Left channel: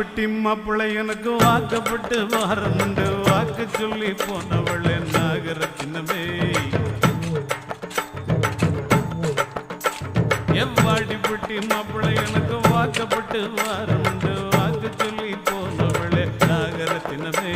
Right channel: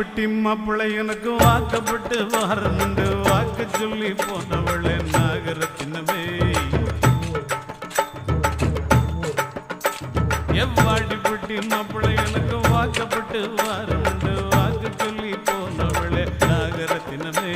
வாடிப்பட்டி மாப்பிள்ளை எனக்கு வாக்கப்பட்டு வாரமுண்டு வாக்கு சொல்லி போனவளே நாகரத்தினமே எவ்வாடிப்பட்டி மாப்பிள்ளை எனக்கு வாக்கப்பட்டு வாரமுண்டு வாக்கு சொல்லி போனவளே நாகரத்தினமே